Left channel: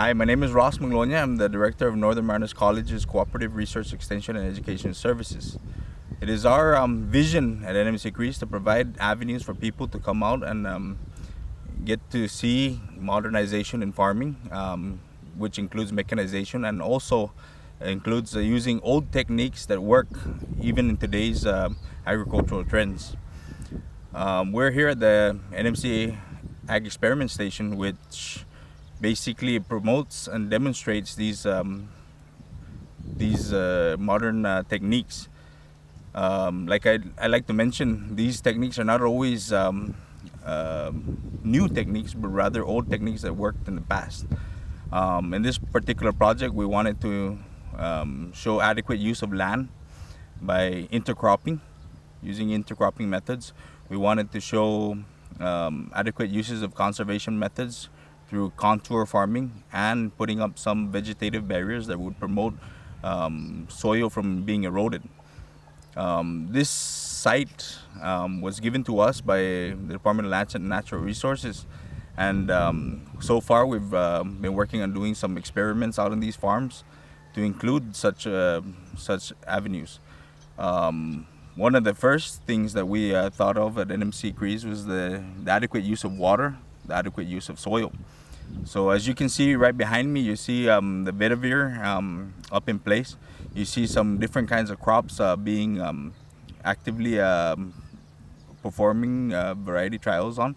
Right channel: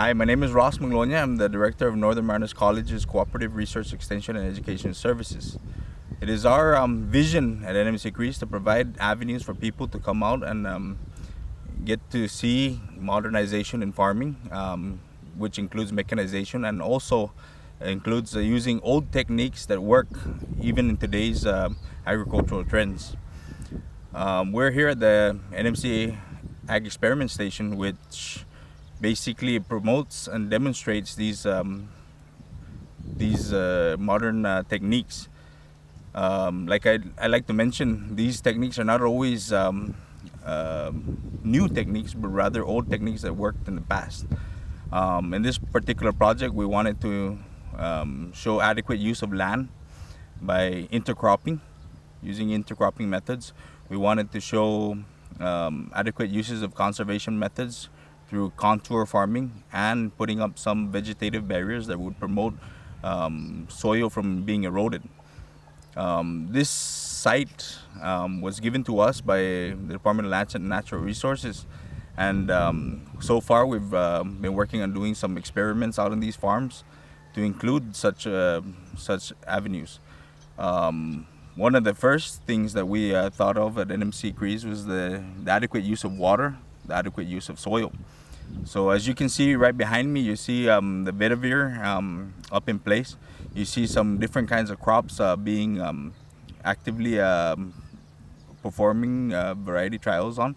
Hi, my name is Ross Maglonia. I'm the Director of Northern Marinas College's Cooperative Research Extension and Education Services. It is our vision at NMC-CREES to provide avenues for people to come out and get to see modernization in farming, which includes mechanization and also includes using old techniques that work even in today's agricultural trends. We're here at the NMC Ag Experiment Station, which basically promotes and demonstrates these modern techniques. Like I like to mention, these techniques are not always new techniques, but rather old techniques that worked in the past. In this particular project, we wanted to show adequate use of land by intercropping, using intercropping methods. We wanted to show adequate uses of conservation methods through contour farming and putting up some vegetative barriers that would promote soil from being eroded. This site was given to us by the Department of Land and Natural Resources, and so far we've been working on doing some experiments out on these farms to include such avenues. One of the first things that we thought of at NMC-CREES was the adequate use of water, the adequate use of soil. So as you can see right behind me, you see the vetiver up in place. You see some different kinds of crops being actively performing variety trials on.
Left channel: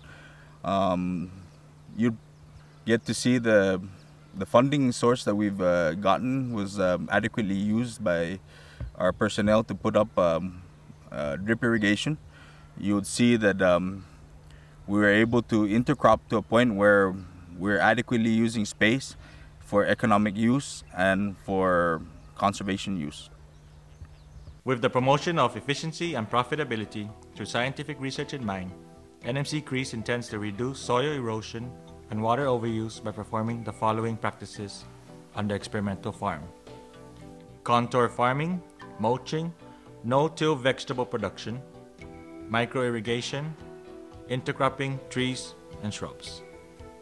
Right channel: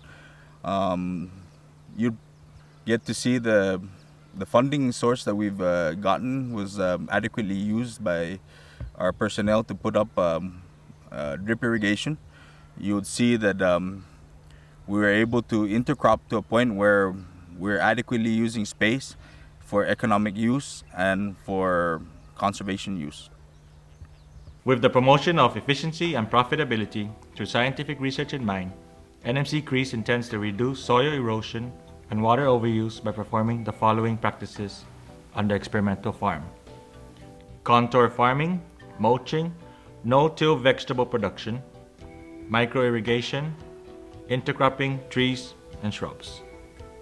You get to see the funding source that we've gotten was adequately used by our personnel to put up drip irrigation. You would see that we were able to intercrop to a point where we're adequately using space for economic use and for conservation use. With the promotion of efficiency and profitability through scientific research in mind, NMC-CREES intends to reduce soil erosion and water overuse by performing the following practices on the experimental farm: contour farming, mulching, no-till vegetable production, micro-irrigation, intercropping trees and shrubs.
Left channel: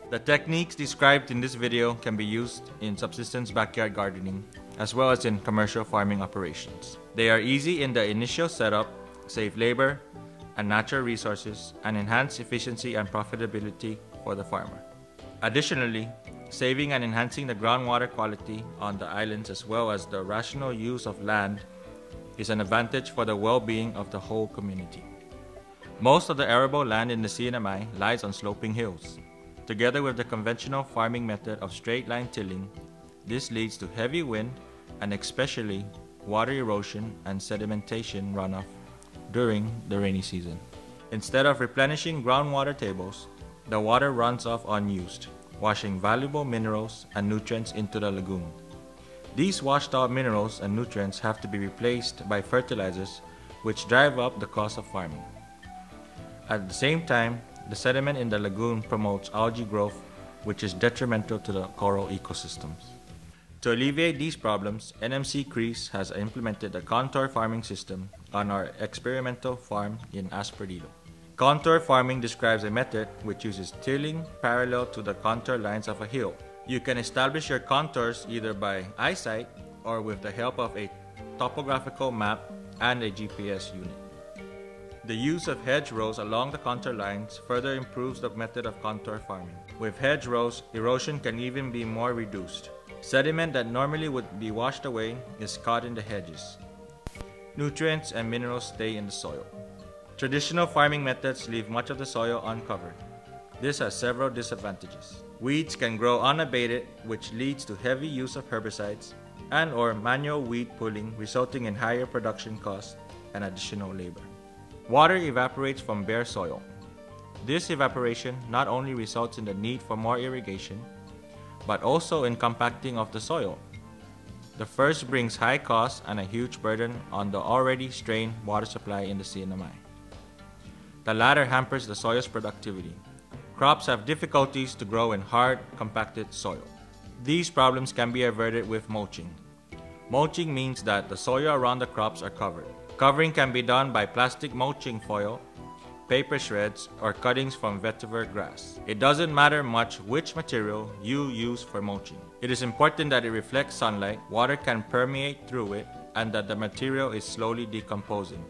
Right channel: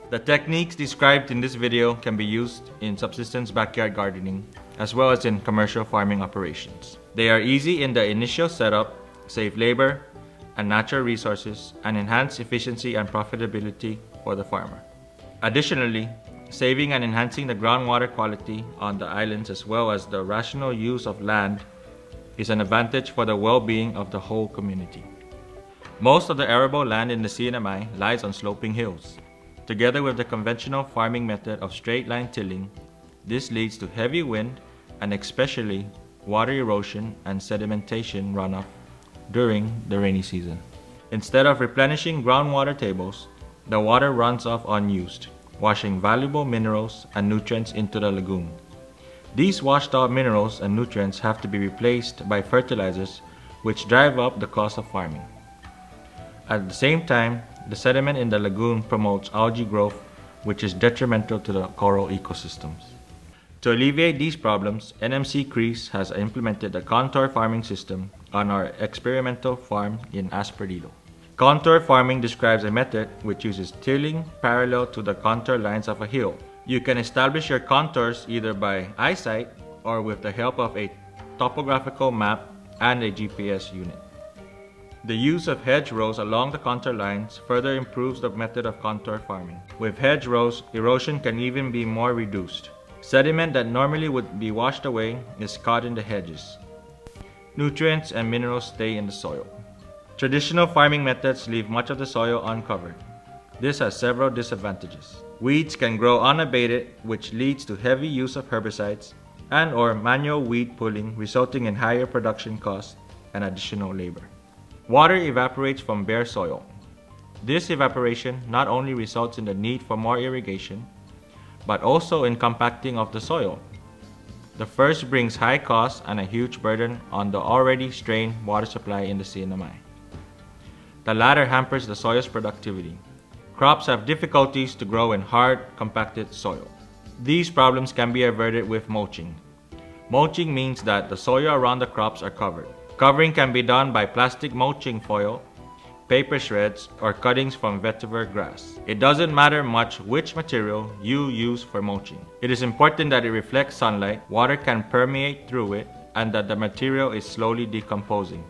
The techniques described in this video can be used in subsistence backyard gardening as well as in commercial farming operations. They are easy in the initial setup, save labor and natural resources, and enhance efficiency and profitability for the farmer. Additionally, saving and enhancing the groundwater quality on the islands as well as the rational use of land is an advantage for the well-being of the whole community. Most of the arable land in the CNMI lies on sloping hills. Together with the conventional farming method of straight-line tilling, this leads to heavy wind and especially water erosion and sedimentation runoff during the rainy season. Instead of replenishing groundwater tables, the water runs off unused, washing valuable minerals and nutrients into the lagoon. These washed out minerals and nutrients have to be replaced by fertilizers, which drive up the cost of farming. At the same time, the sediment in the lagoon promotes algae growth, which is detrimental to the coral ecosystems. To alleviate these problems, NMC-CREES has implemented a contour farming system on our experimental farm in Asperdido. Contour farming describes a method which uses tilling parallel to the contour lines of a hill. You can establish your contours either by eyesight or with the help of a topographical map and a GPS unit. The use of hedgerows along the contour lines further improves the method of contour farming. With hedgerows, erosion can even be more reduced. Sediment that normally would be washed away is caught in the hedges. Nutrients and minerals stay in the soil. Traditional farming methods leave much of the soil uncovered. This has several disadvantages. Weeds can grow unabated, which leads to heavy use of herbicides and/or manual weed pulling, resulting in higher production costs and additional labor. Water evaporates from bare soil. This evaporation not only results in the need for more irrigation, but also in compacting of the soil. The first brings high costs and a huge burden on the already strained water supply in the CNMI. The latter hampers the soil's productivity. Crops have difficulties to grow in hard, compacted soil. These problems can be averted with mulching. Mulching means that the soil around the crops are covered. Covering can be done by plastic mulching foil, paper shreds, or cuttings from vetiver grass. It doesn't matter much which material you use for mulching. It is important that it reflects sunlight, water can permeate through it, and that the material is slowly decomposing,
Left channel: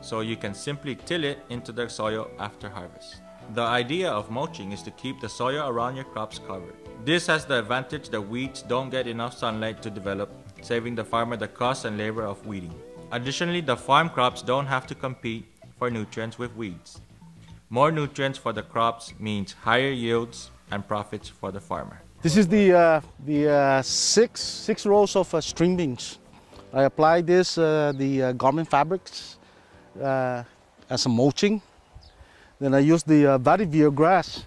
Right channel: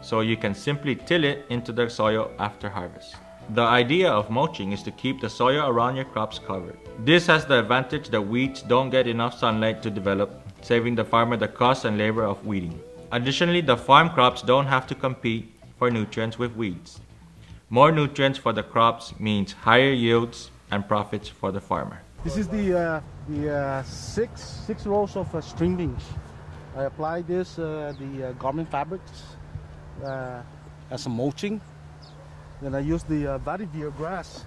so you can simply till it into the soil after harvest. The idea of mulching is to keep the soil around your crops covered. This has the advantage that weeds don't get enough sunlight to develop, saving the farmer the cost and labor of weeding. Additionally, the farm crops don't have to compete for nutrients with weeds. More nutrients for the crops means higher yields and profits for the farmer. This is the six rows of string beans. I apply this the garment fabrics as a mulching. Then I use the vetiver grass,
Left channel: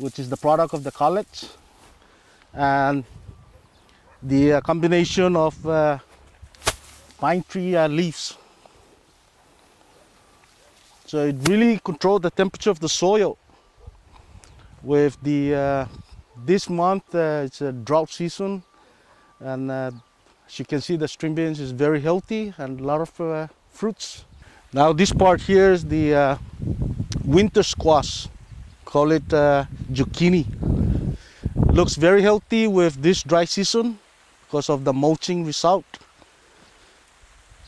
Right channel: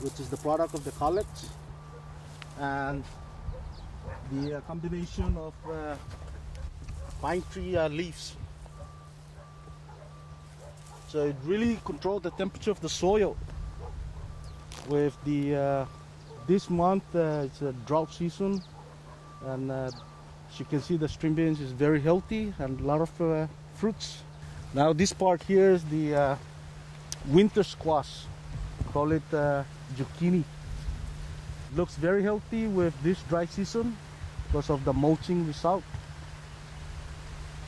which is the product of the college, and the combination of pine tree leaves. So it really controls the temperature of the soil. With the this month it's a drought season, and as you can see, the string beans is very healthy and a lot of fruits. Now this part here is the winter squash. Call it zucchini. Looks very healthy with this dry season because of the mulching result.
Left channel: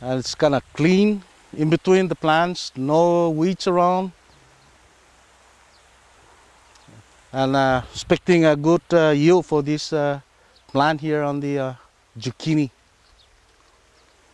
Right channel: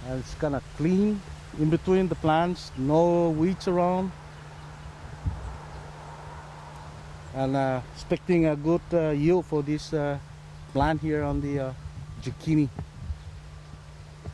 And it's kind of clean in between the plants, no weeds around. And expecting a good yield for this plant here on the zucchini.